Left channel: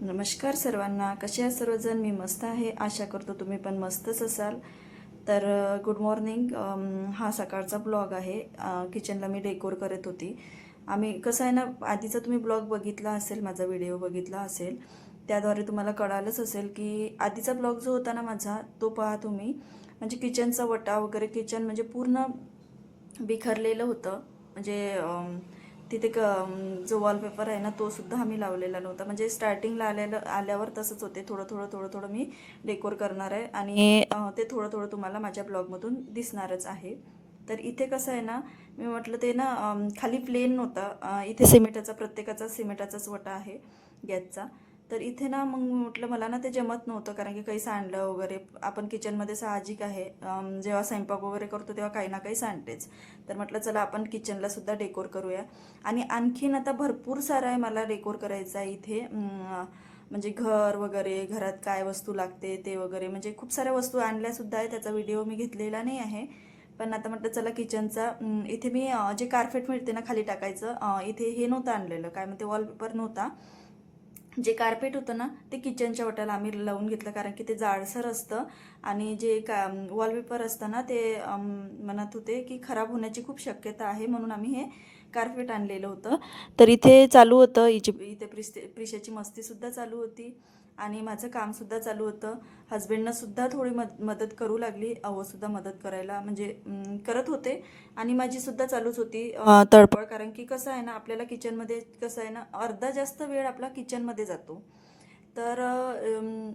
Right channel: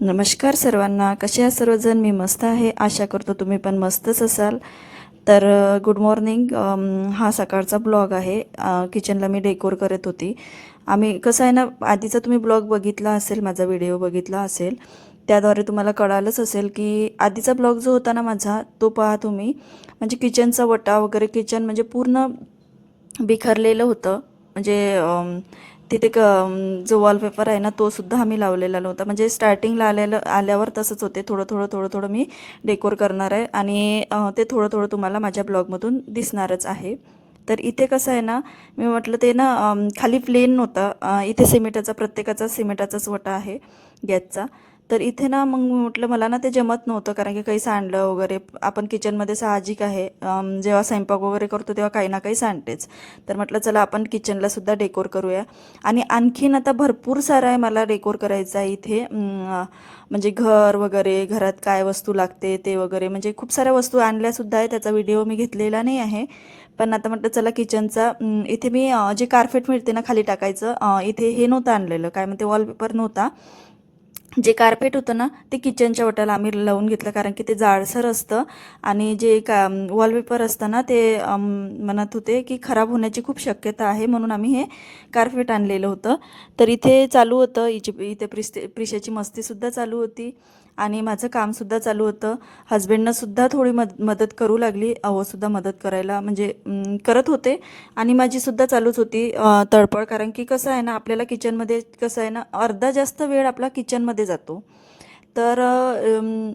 नमस्कार सर्वांना. कसे आहात सर्वजण? मी मस्त आहे. आशा करतो तुम्ही पण मस्तच असाल. तर गुड मॉर्निंग. हा सकाळचा ब्लॉग आहे. किचनला मी डेकोर करत होती. आम्ही कसं आहे ना, आधीचा तुम्ही ब्लॉग बघितला असेल, माझा व्हिडिओ बघितला असेल, त्याद्वारे तुम्हाला कळालंच असेल की आधीचा ब्लॉग जो होता ना माझा, तो पहा तुम्ही. म्हणजे किचनचा वटा वगैरे, किचन म्हणजे पूर्ण बिखरलेलं होतं. म्हणजे तिथे जो वॉलपेपर आहे ना, तो सुद्धा आम्ही लावलेला नव्हता. म्हणजे स्टार्टिंगला आल्यावर तसंच होते. थोडं थोडं थोडं थोडं मी डेकोर करणार आहे आणि ते थोडं थोडं तुम्हाला माझ्या ब्लॉगमधून दिसणारच आहे. तर इथे कसं आहे ना, मी म्हटलं ते ना खाली प्लेन नव्हतं. इथे सिमेंटाचा, प्रत्येकाचा सिमेंटाचाच वटा आहे गॅसचा. तर इथे ना मग मी म्हटलं मला ना ते जमत नव्हतं, कारण की काही सांडलं वगैरे. आपण किचनमध्ये साहजिक आहे, जेव्हा स्वयंपाक वगैरे करतो तेव्हा काही ना काही सांडतेच. तर म्हटलं चला आपण किचनला सुद्धा डेकोर करूया. आणि आणखीन आता भरपूर सारं आहे मला डेकोर करायचं आहे इथे. म्हणजे घर वगैरे, घरात काय वस्तू लागते ते वगैरे, म्हणजे खूप साऱ्या वस्तू आणल्यासुद्धा आहे. त्याचा व्हिडिओ मी घेतलेला नाही आहे. पण आता म्हटलं चला किचनचा, इथे मी जे कार्पेट मिळते ना खाली टाकायचं, इथे हे नव्हतं आणलेलं, काय म्हणते, वॉलपेपर नव्हता. जे कार्पेट होतं ना ते किचनच्या वटाला आम्ही लावून घेतलं, कारण की ते जाडसर असतं. आणि जे वॉलपेपर असतं ना ते म्हणत होते की खराब होण्याची खूप शक्यता आहे, म्हणून आम्ही हे कार्पेट आणलेलं होतं. तर इथे चालू होतं, इथे प्रिशाची मस्तीसुद्धा चालू होती आणि माझं कामसुद्धा चालू होतं. हस्बंडनंसुद्धा थोडी मदत करू लागली, अहोसुद्धा मदत करायला, म्हणजे करत होते. आणि माझीसुद्धा चालूच होती तळपळ, कारण की कसं आहे ना, आपल्याला किचनमध्ये कसं आहे ना, अर्धा जास्त वेळ आपला किचनमध्ये जातो. तर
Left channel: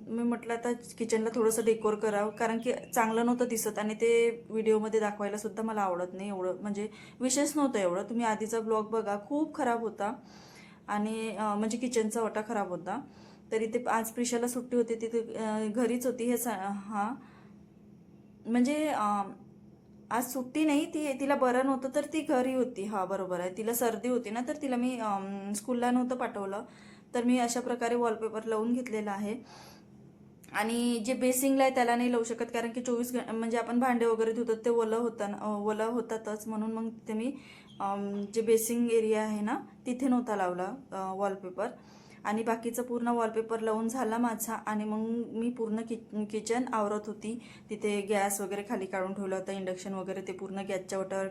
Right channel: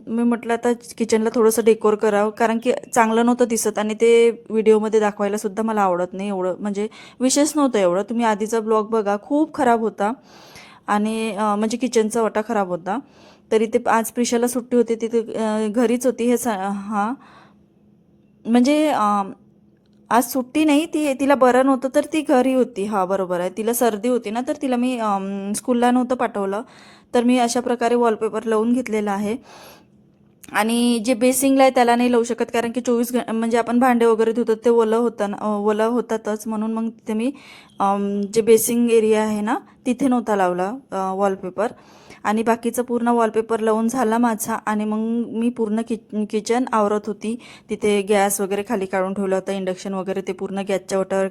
मी म्हटलं आता किचनला थोडंसं डेकोर करावं, कारण की चांगलं नव्हतं दिसत आणि ते व्हिडिओमध्ये दाखवायलासुद्धा मला आवडत नाही एवढं. म्हणजे विशेष नव्हतं एवढं. तुम्ही आधीचा ब्लॉग बघा, खूप खराब होता. आणि म्हणजे किचनचा वटा खराब होता. तरी ते आज प्रिशाला सुट्टी होती, तिथे घरीच होती. हां, म्हणजे आज सुट्टी नाही, तिला बरं नव्हतं तर ती घरी होती. हां, बरोबर आहे. तिला सर्दी होती ना, तर तिला मी स्कूलला नव्हतं पाठवलं. तर मी अशा प्रकारे वॉलपेपर लावून घेतलेला आहे. आणि जे बेसिंगला आहे त्याला नाही लावू शकत, कारण की 24 म्हणजे आपण भांडे वगैरे धुतो ते ओलं होतं ना, ओलं होतातच. म्हणून मग तिथे मी जे बेसिंग एरिया आहे ना, तिथे नव्हता लावला वॉलपेपर. आणि बाकीचं पूर्ण वॉलपेपर लावून झाला माझा. आणि मग मी पूर्ण किचन आवरत होती. तिथे गॅस वगैरे खाली काढून ठेवला होता, इंडक्शन वगैरे ते पूर्ण गॅसच्या ओटावर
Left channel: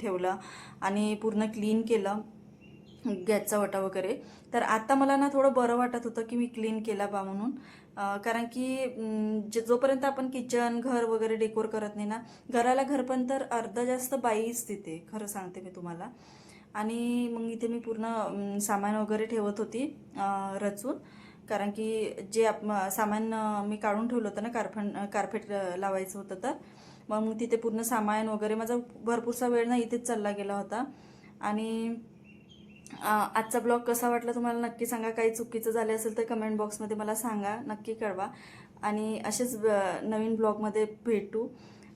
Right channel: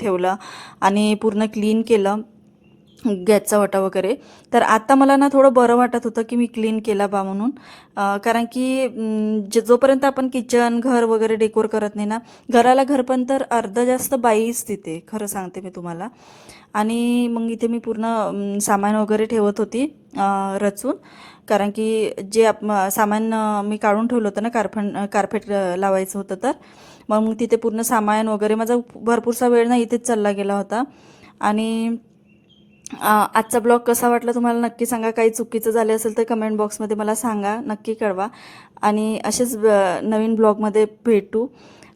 ठेवलं आणि पूर्ण क्लीन केलं गॅसचा वटा वगैरे. तर आता मला ना थोडं बरं वाटत होतं की मी क्लीन केला बा म्हणून. कारण की जोपर्यंत आपण किचन, घर वगैरे डेकोर करत नाही ना, घराला घरपण तर अर्ध जास्त बाईच तिथे, खरं सांगते मी तुम्हाला. आणि मग इथे मी पूर्ण सामान वगैरे ठेवत होती रचून. कारण की जे सामान मी काढून ठेवलं होतं ना, कार्पेट लावायचं होतं. तर मग तिथे पूर्ण सामान वगैरे, माझा भरपूरसा वेळ ना इथेच चालला गेला होता. आणि आजचा ब्लॉग कसा वाटला तुम्हाला नक्की सांगा. काही चुकीचं झालं असेल तर कमेंट बॉक्समध्ये मला सांगा, नक्की कळवा. आणि असेच नवीन ब्लॉगमध्ये भेटू.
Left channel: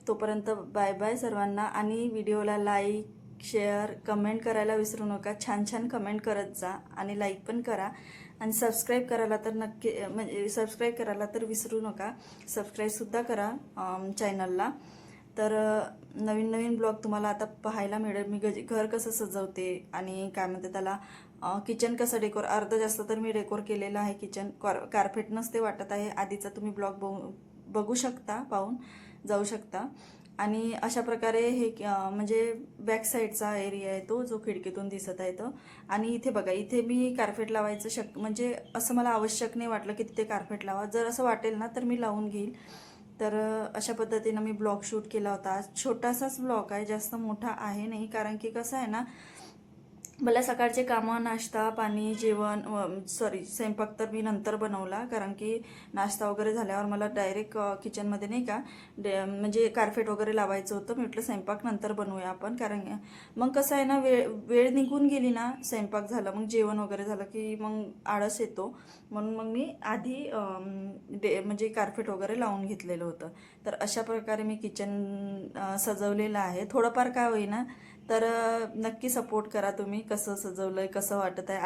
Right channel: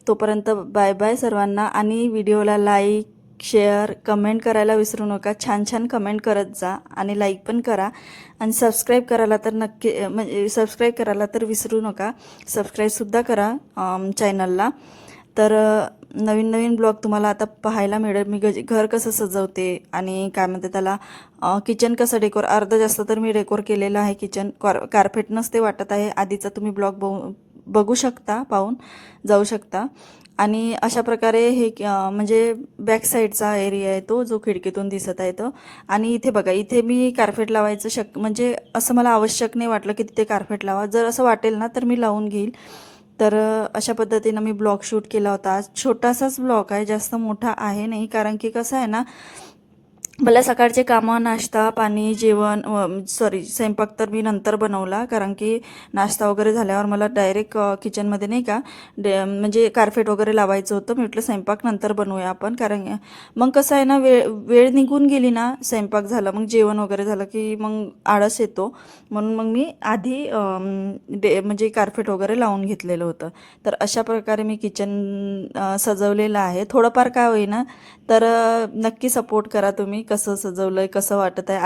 तोपर्यंत बाय बाय सर्वांना. आणि व्हिडिओला लाईक, शेअर, कमेंट करायला विसरू नका. छान छान कमेंट करत जा आणि लाईक पण करा. आणि सबस्क्राईब करायला तर नक्की, म्हणजे सबस्क्राईब करायला तर विसरू नका. सबस्क्राईबसुद्धा करा चॅनलला. तर नवीन नवीन ब्लॉग तुम्हाला आता पाहायला मिळेल. मी घर कसं सजवते आणि काय म्हणते त्याला, किचन कसं डेकोर, अर्ध जास्त तर मी डेकोर केलेलं आहे किचन. कार्पेट नसते वाटत आहे. आधीचा तुम्ही ब्लॉग बघू शकता, पाहून जाऊ शकता. आणि अशा प्रकारे हे म्हणजे बॅक साईडचा एरिया आहे तो, जो खिडकीतून दिसत आहे तो. आणि इथे बघा, इथे मी कार्पेट लावायचं म्हणजे असं मला आवश्यक नाही वाटलं की तिथे कार्पेट लावा. जर असं वाटेल ना तर मी लावून घेईल. तर अशा पद्धतीनं मी ब्लॉग शूट केला होता. छोटासाच ब्लॉग आहे, जास्त मोठा आहे नाही. कारण की कसं आहे ना, मला सकाळचे कामं, नाश्ता पाणी, जेवण, स्वयंपाक तर मी नंतर बनवला, कारण की नाश्ता वगैरे झाल्यावर मला डायरेक्ट किचनमध्ये नाही का, म्हणजे कार्पेट वगैरे लावायचं होतं. मी म्हटलं स्वयंपाक नंतर बनवूया आपण, कारण मग कसं आहे ना, वेळ वेळ निघून गेली ना, स्वयंपाक झाला मग जेवण वगैरे झालं की मग आळस येतो. म्हणून मग मी आधी म्हणजे कार्पेट वगैरे लावून घेतलेलं होतं. तर अशा प्रकारे मी किचन सजवलेलं आहे. थोडंफार काय होईना, तर नक्की सपोर्ट करा तुम्ही. कसं सजवलं आहे, कसं वाटत आहे,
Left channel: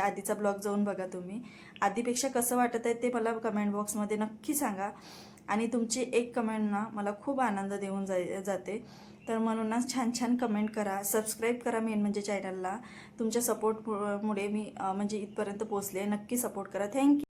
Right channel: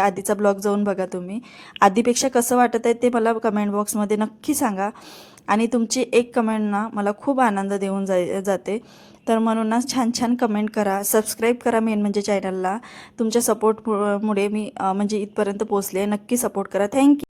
आधीचा ब्लॉग जाऊन बघा तुम्ही. आधीपेक्षा कसं वाटत आहे ते मला कमेंट बॉक्समध्ये नक्की सांगा. आणि तुमची एक कमेंट ना मला खूप आनंद देऊन जाते. तर म्हणूनच छान छान कमेंट करा, सबस्क्राईब करा मेन म्हणजे चॅनलला. तुमच्या सपोर्ट मुळे मी म्हणजे इथपर्यंत पोहोचले. नक्की सपोर्ट करा. थँक्यू.